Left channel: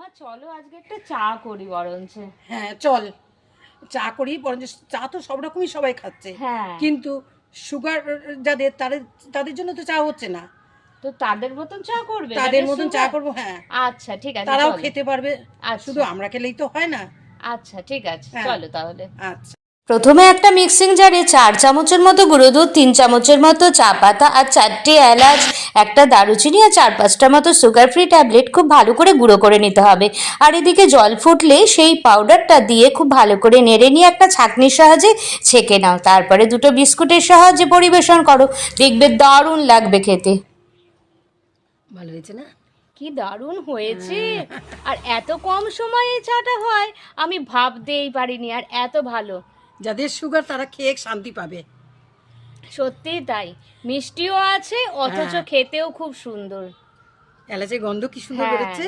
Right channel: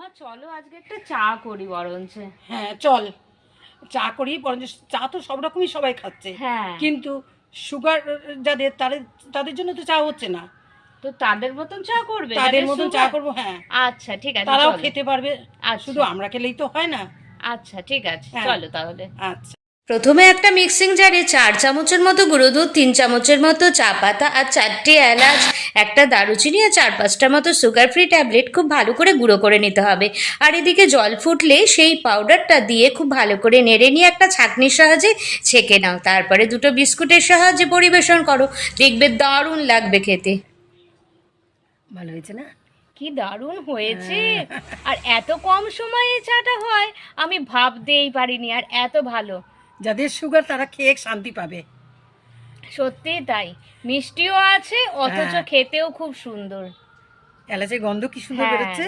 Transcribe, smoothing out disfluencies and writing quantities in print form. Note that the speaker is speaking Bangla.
মা চলো আজকে একটা চা করি বরঞ্চ। হ্যাঁ চল চা করি বরঞ্চ। চা তো সব রকমই সবাই খাচ্ছে, হ্যাঁ কিন্তু সুগার যাদের তাদের তাদের জন্য তো চা হচ্ছে না। তো তাদের মতন চা করবে, তাদের যাদের মতন চা sugar? করবো, হ্যাঁ। আচ্ছা ঠিক আছে, তারাও চলো। খেতে পারবে, আচ্ছা শুধু আমরা খেলেই তো হয় না। আচ্ছা ঠিক আছে, হ্যাঁ। চলো তাহলে। আচ্ছা, প্রথমে একটা মিক্সিং জারে 4 চামচের মতো গুঁড়ো দুধ, 3 চামচের মতো চা পাতা আর 4টে এলাচ, একটা দারুচিনি আর 4-5টা মতো সুগার ফ্রি ট্যাবলেট খুব ভালো করে গুঁড়ো করে নিতে হবে। আর এদিকে জল ফুটলে সেই পাউডারটা দিয়ে খুব ভালো করে নেড়ে নিয়ে একটা ছাঁকনির সাহায্যে ছেঁকে নাও। তারপরে 2টো বিস্কুটের সাহায্যে পরিবেশন করো, দেখবে দারুণ লাগবে খেতে। ভালো হয়েছে না? কি দারুণ হয়েছে! আর এত কম সময়ে এই চাটা হয় আমি ভাবতেই পারিনি, আর এত ভালো। যাদের সুগার তারা খেয়ে শান্তি পাবে। সত্যি তাই, মিষ্টিও আছে অথচ হ্যাঁ। খেতেও খুব সুন্দর। এলাচের গন্ধ কি সুন্দর হ্যাঁ। বেরোচ্ছে।